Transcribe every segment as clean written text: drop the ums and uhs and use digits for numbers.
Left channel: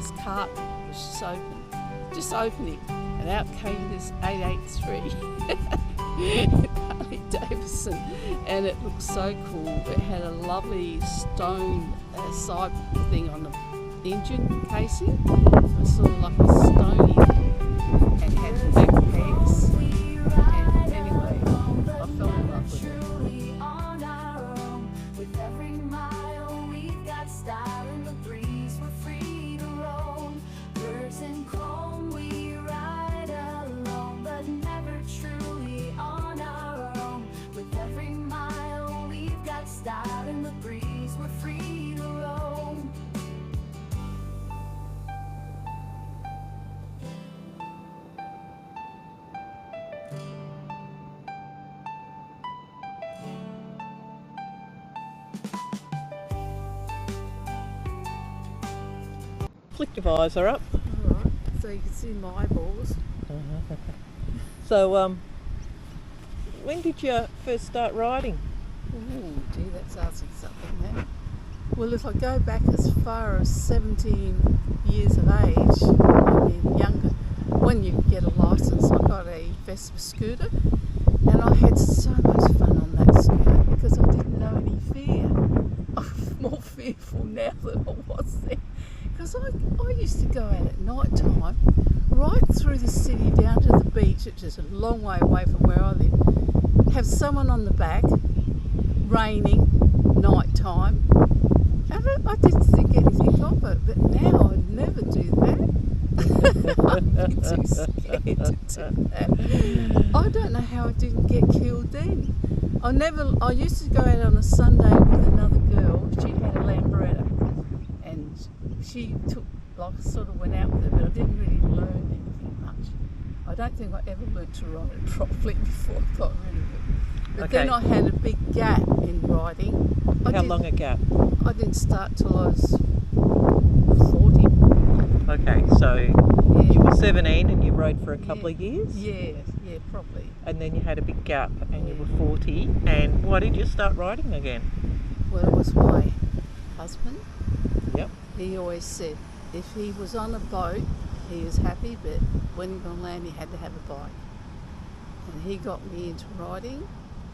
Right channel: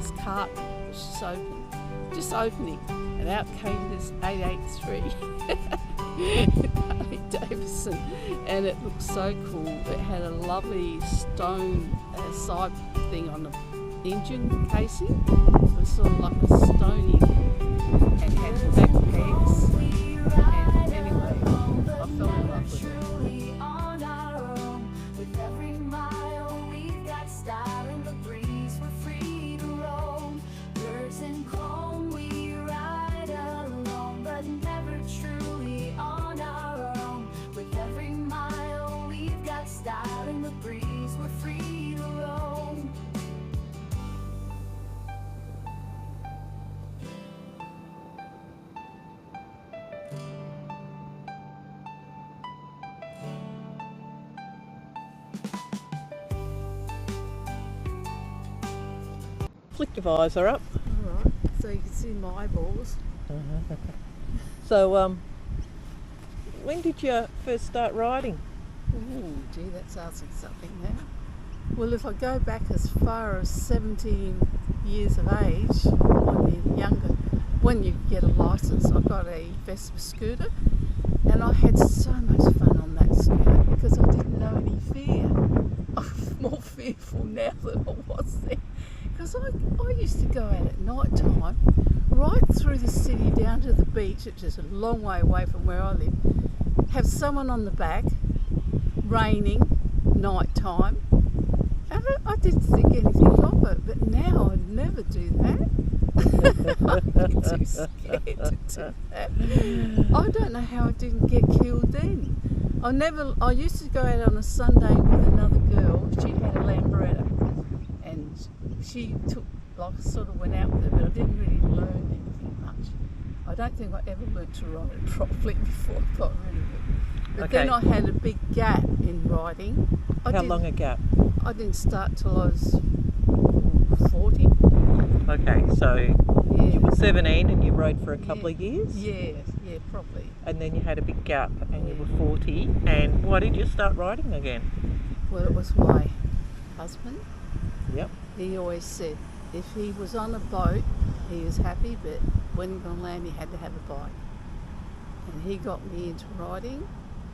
this cart was just opening, and out came this 883 Harley Davidson, and it looked so cool. It had a lovely stone side thing on the engine casing. It was sort of like a stony, and had black pegs. And anyway, I fell in love with it. Style in the breeze, we're free to roam. Flick your visor up. Alright, so you can see my eyeballs. So, when did you first start riding? Oh, gee, that's asking something now. Well, if I go back as far as 17 years of age, maybe younger, when you get a licence, I got a Vespa scooter, and I had so much fun on that scooter because I didn't know any fear. I'm more fearful now than I was then. Because I used to go out at night time, right through the city down to the beach, which is a long way away from where I live, have someone on the back, raining, night time. I didn't think anything of it, but now I'd never do that. I'd be too scared to do that. I don't know how I didn't get killed then. I used to go out on a Sunday with another girl. She had a Lambretta, and she sort of went out with it, but I didn't really learn anything much. I don't think I ever learned to ride it properly before I got rid of it. But then I had a big gap in riding. How long a gap? I didn't start till I was 40. Okay, so you were 17 and you rode for a couple of years? Yeah, probably. And then you had a big gap and you were 40. And why did you start riding again? Well, it was my husband. Yep. He always said if he was on a boat, he was happy, but when he was on land, he had to have a bike. And he got me into riding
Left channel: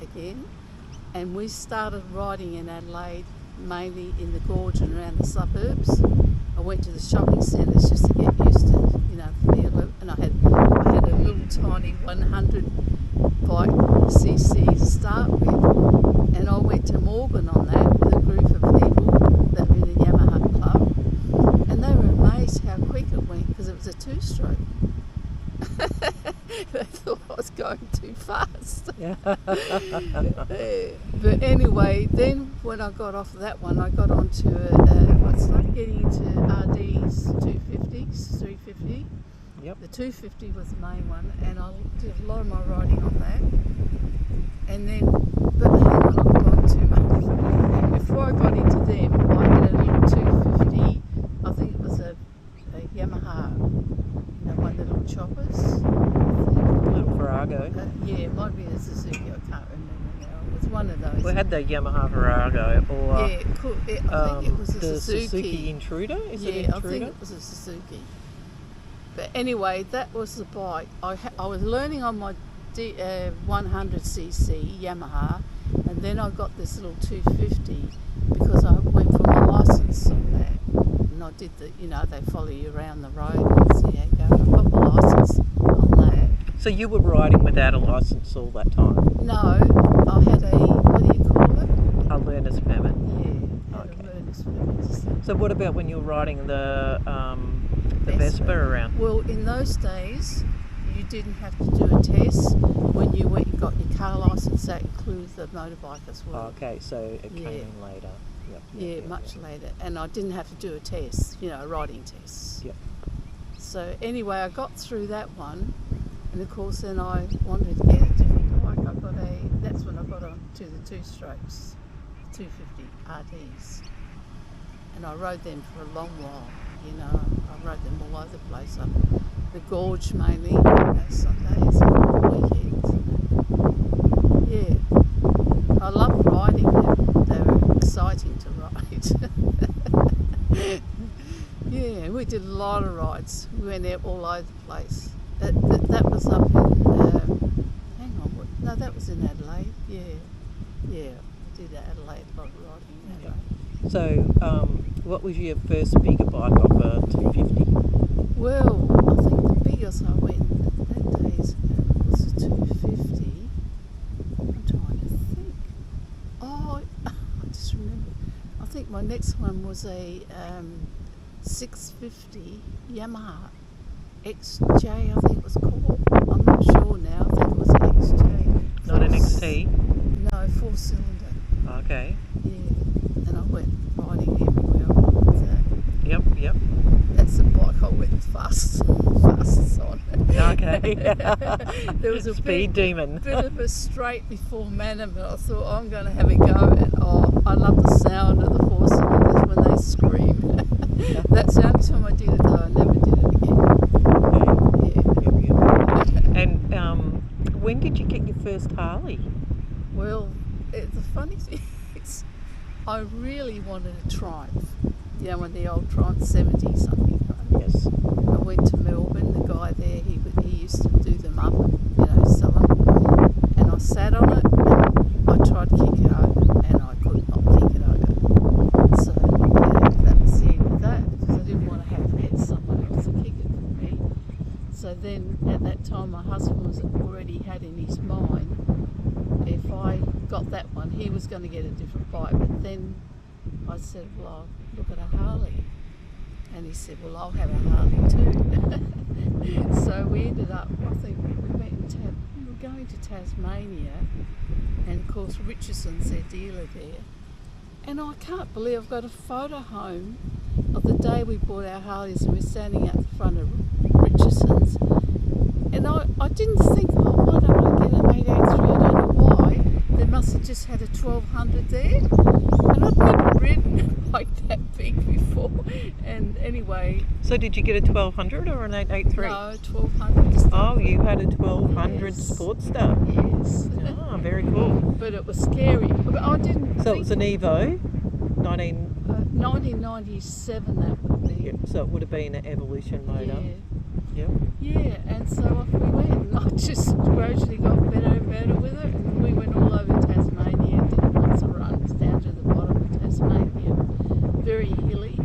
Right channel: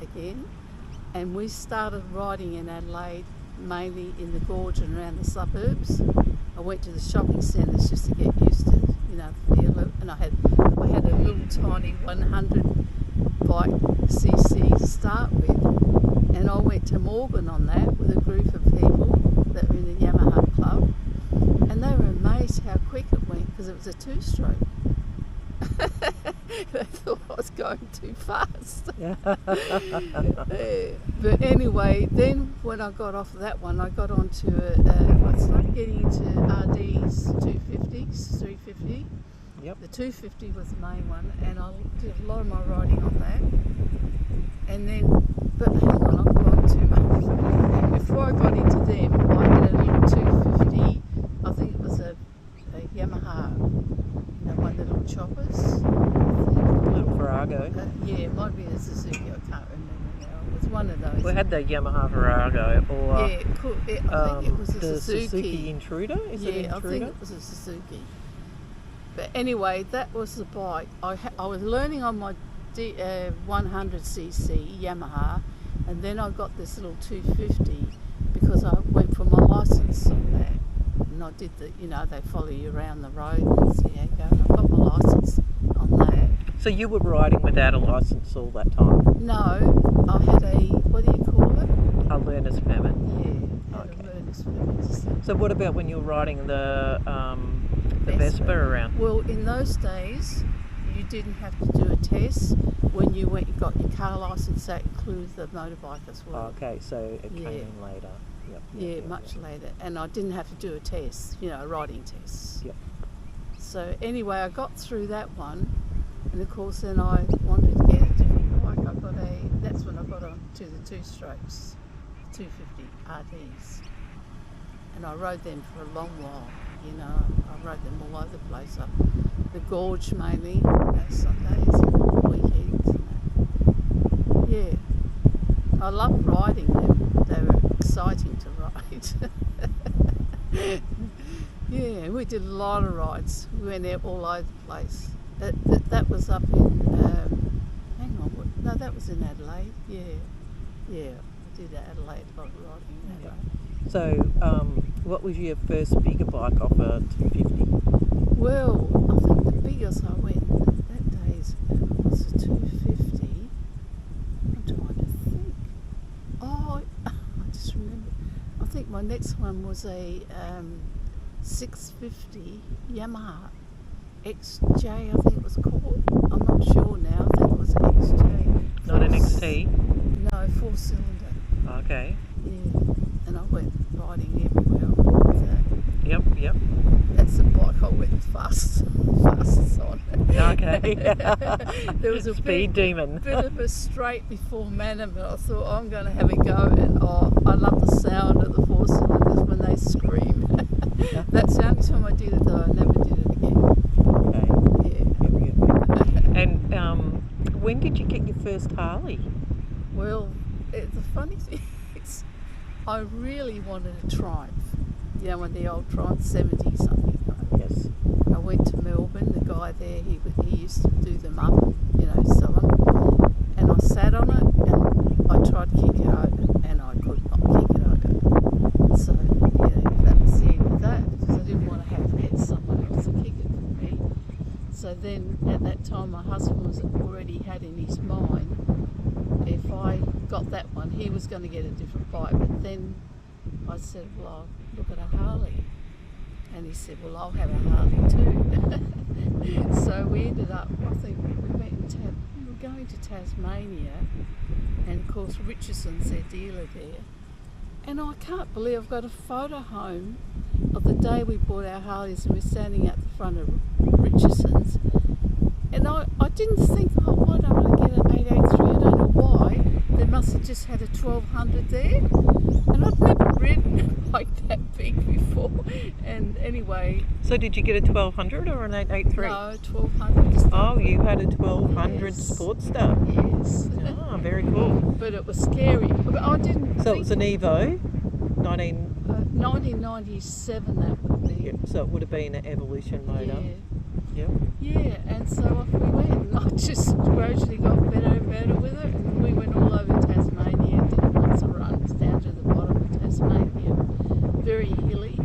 again, and we started riding in Adelaide, mainly in the gorge and around the suburbs. I went to the shopping centres just to get used to, the feel of it. And I had a little tiny 100 bike cc to start with, and I went to Morgan on that with a group of people that were in the Yamaha club, and they were amazed how quick it went because it was a two-stroke. They thought I was going too fast. But anyway, then when I got off of that one, I got onto I started getting into RDs, 250s, 350. Yep. The 250 was the main one, and I did a lot of my riding on that. And then, but hang on, I've gone too much. Before I got into them, I had a little 250, I think it was a Yamaha, one of the little choppers. Little Virago. Yeah, it might be a Suzuki, I can't remember now. It was one of those. We had the Yamaha Virago, or I think it was a the Suzuki Intruder. Is it Intruder? I think it was a Suzuki. But anyway, that was the bike. I was learning on my 100cc Yamaha, and then I got this little 250 because I went for my licence on that. And I did they follow you around the road and see how you go. I got my licence on that. So you were riding without a licence all that time? No, I had what do you call it? A learner's permit? Yeah, I had a learner's permit. So what about when you were riding the Vespa around? Well, in those days, you didn't have to do a test. When you got your car licence, that includes the motorbike as well. Oh, okay, so it came in later. Yep, much later. And I didn't have to do a test, a riding test. Yep. So anyway, I got through that one, and of course then I wanted to get a different bike. That's when I got on to the two-strokes, 250 RDs. And I rode them for a long while, I rode them all over the place, up the gorge mainly, Sundays and weekends. Yeah, I loved riding them. They were exciting to ride. Yeah, we did a lot of rides. We went out all over the place. That was up in, hang on, no, that was in Adelaide. Yeah, we did Adelaide, a lot of riding in Adelaide. So, what was your first bigger bike off a 250? Well, I think the biggest I went that days was a 250. I'm trying to think. Oh, I just remember. I think my next one was a 650 Yamaha XJ, I think it was called. I'm not sure now. I think it was XJ. Not an XT? No, 4-cylinder. Okay. Yeah, and I went riding everywhere with that. Yep. That's the bike I went fastest on. Okay. There was a Speed demon. bit of a straight before Manham, and I thought I'm going to have a go. And I love the sound of the 4-cylinders when they scream. That's the only time I did it, though. I never did it again. Yeah. And when did you get your first Harley? Well, the funny thing is, I really wanted a Triumph. You know, when the old Triumph 70 something. Right? Yes. I went to Melbourne. The guy there, he used to do them up, sell them. And I sat on it, and I tried to kick it over, and I could not kick it over. So that was the end of that, because I didn't want to have to get someone else to kick it for me. So then, at that time, my husband was already had in his mind, if I got that one, he was going to get a different bike. But then I said, well, I'll look at a Harley. And he said, well, I'll have a Harley too. So we ended up, I think we were going to Tasmania, and of course Richardson's their dealer there. And I can't believe I've got a photo home of the day we bought our Harleys, and we're standing at the front of Richardson's. And I didn't think, why don't I get an 883? I don't know why. They must have just had a 1200 there. And I'd never ridden like that big before. And anyway. So did you get a 1200 or an 883? No, 1200. Oh, you had a 1200 Yes. Sportster. Yes. Oh, very cool. But it was scary. But I didn't So think... it was an Evo, 1997 that would be. Yep, so it would have been an Evolution motor. Yep. Yeah, and so off we went, and I just gradually got better and better with it, and we went all over Tasmania, did lots of runs down to the bottom of Tasmania, very hilly.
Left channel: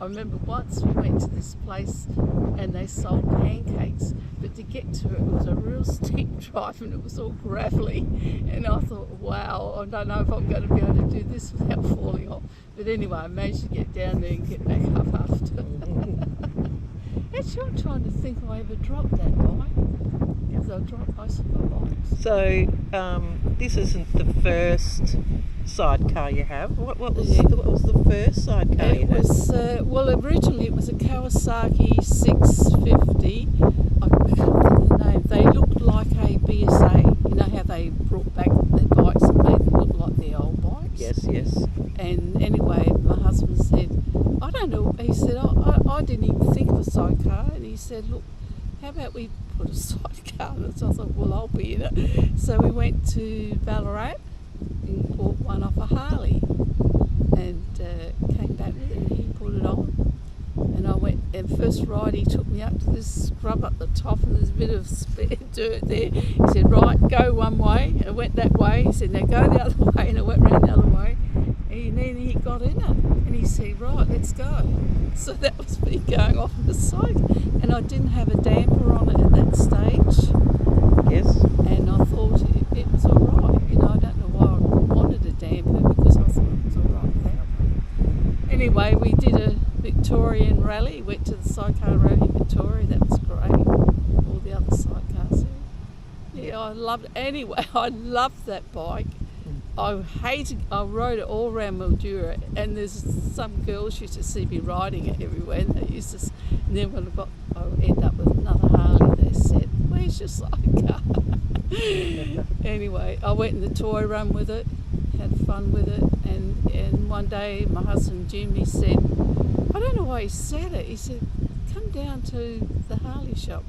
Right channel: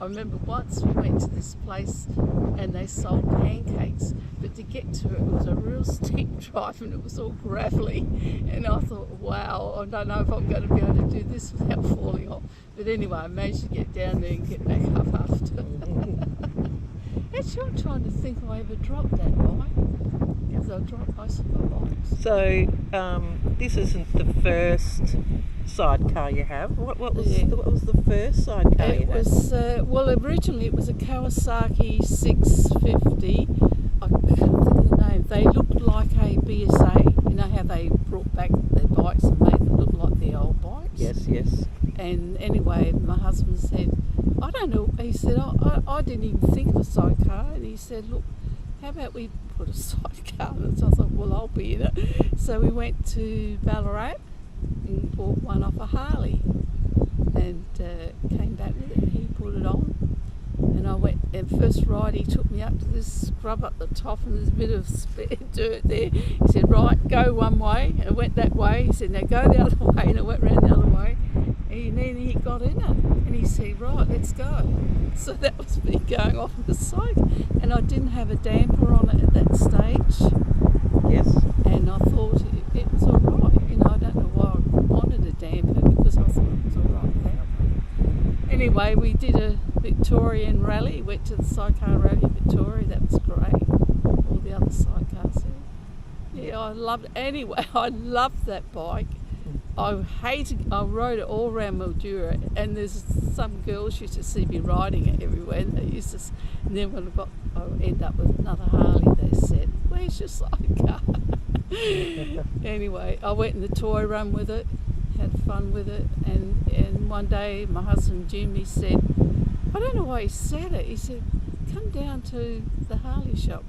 I remember once we went to this place and they sold pancakes, but to get to it was a real steep drive, and it was all gravelly, and I thought, wow, I don't know if I'm going to be able to do this without falling off. But anyway, I managed to get down there and get back up after. Actually, I'm trying to think if I ever dropped that bike, because I dropped most of my bikes. So this isn't the first sidecar you have. What was the first sidecar you It had? was, well, originally it was a Kawasaki 650. I can't think of the name. They looked like a BSA. You know how they brought back their bikes and made them look like the old bikes? Yes. And anyway, my husband said, I don't know, he said, I didn't even think of a sidecar. And he said, look, how about we put a sidecar in it? So I thought, well, I'll be in it. So we went to Ballarat and bought one off a Harley, and came back with it. He put it on, and I went, and first ride he took me up to this scrub up the top, and there's a bit of spare dirt there. He said, right, go one way, and I went that way. He said, now go the other way, and I went round the other way. And then he got in it, and he said, right, let's go. So that was me going off on the side, and I didn't have a damper on it at that stage. Yes. And I thought it was all right. I don't know why I wanted a damper, because I thought it was all right without one. Anyway, we did a Victorian rally, went to the sidecar rally in Victoria. That was great. All the other sidecars there. Yeah, I loved it. Anyway, I loved that bike. I rode it all around Mildura, and there's some girls used to see me riding it everywhere, and they used to, and then when I end up with another Harley, they said, where's your sidecar? Anyway, I went in the toy run with it, had fun with it, and one day my husband Jim, he said, I don't know why he said it, he said, come down to the Harley shop.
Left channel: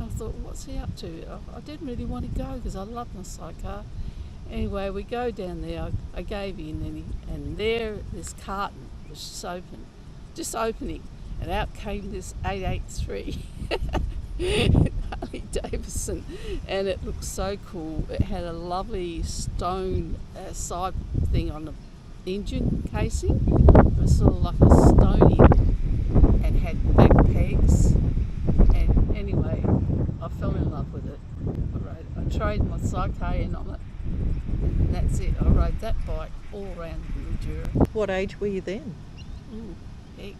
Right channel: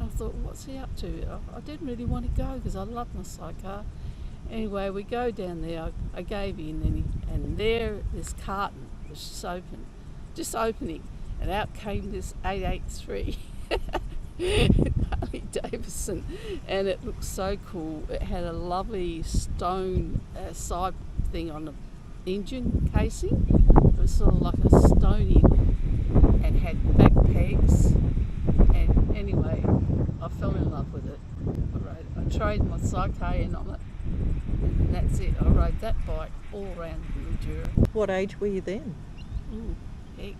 I thought, what's he up to? I didn't really want to go because I love my sidecar. Anyway, we go down there, I gave in, and there this carton was just opening, and out came this 883 Harley Davidson, and it looked so cool. It had a lovely stone side thing on the engine casing. It was sort of like a stony, and had back pegs. And anyway, I fell in love with it. I traded my sidecar in on it, and that's it. I rode that bike all around Mildura. What age were you then? Ooh, heck.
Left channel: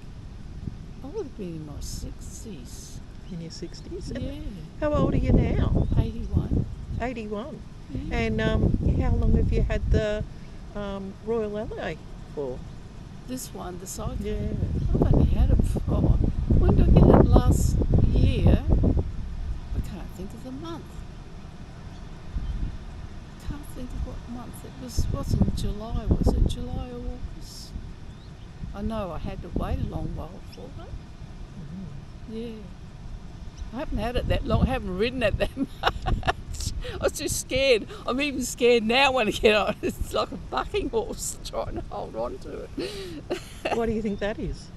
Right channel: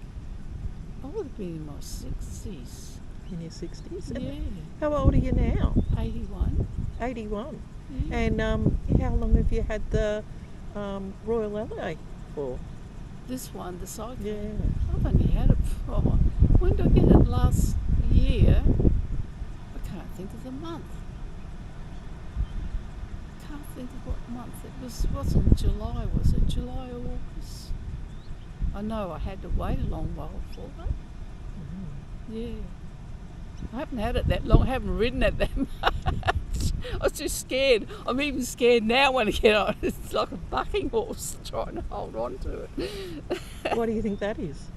I would have been in my 60s. In your 60s? Yeah. How old are you now? 81. 81. Yeah. And how long have you had the Royal LA for? This one, the sidecar. Yeah. I've only had it for, when did I get it? Last year? I can't think of the month. I can't think of what month. It wasn't July, was it? July or August? I know I had to wait a long while for it. Yeah. I haven't had it that long. I haven't ridden it that much. I was just scared. I'm even scared now when I get on. It's like a bucking horse trying to hold on to it. What do you think that is?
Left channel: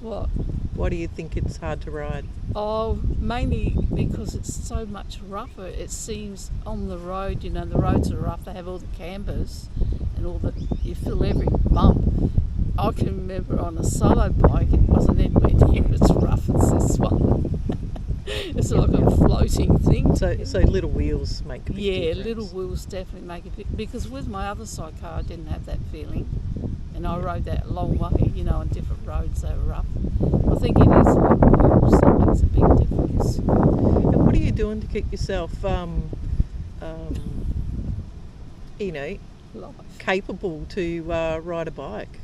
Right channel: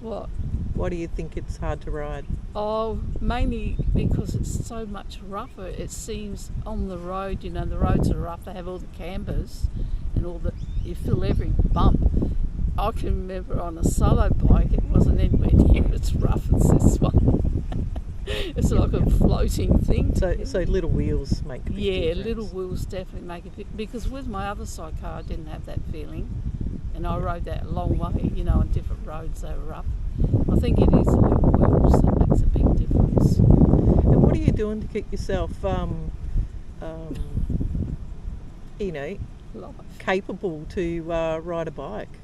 What? Why do you think it's hard to ride? Oh, mainly because it's so much rougher. It seems on the road, the roads are rough. They have all the cambers and you feel every bump. I can remember on a solo bike, it wasn't anywhere near as rough as this one. It's like a floating thing. So little wheels make a big difference. Yeah, little wheels definitely make a bit, because with my other sidecar I didn't have that feeling, and I rode that a long way, on different roads they were rough. I think it is the little wheels that makes a big difference. And what are you doing to keep yourself, Life. capable to ride a bike?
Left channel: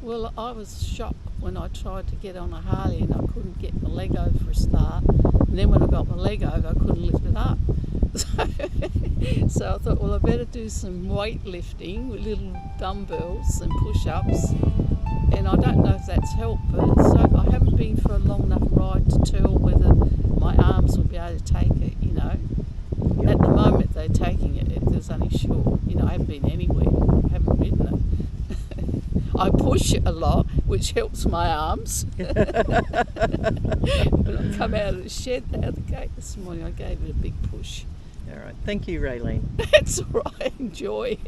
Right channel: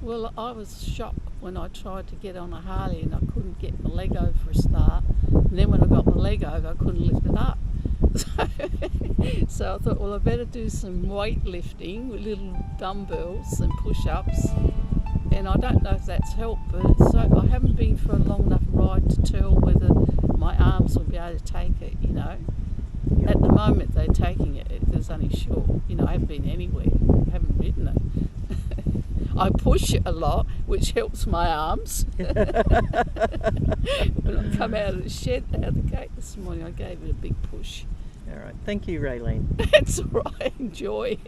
Well, I was shocked when I tried to get on a Harley and I couldn't get my leg over for a start. And then when I got my leg over, I couldn't lift it up. So I thought, well, I better do some weightlifting with little dumbbells and push-ups. And I don't know if that's helped, but so I haven't been for a long enough ride to tell whether my arms will be able to take it, At the moment, they're taking it. It's only short. I haven't been anywhere. I haven't ridden it. I push a lot, which helps my arms. When I come out of the shed, out of the gate this morning, I gave it a big push. All right. Thank you, Realene. That's all right. Enjoy.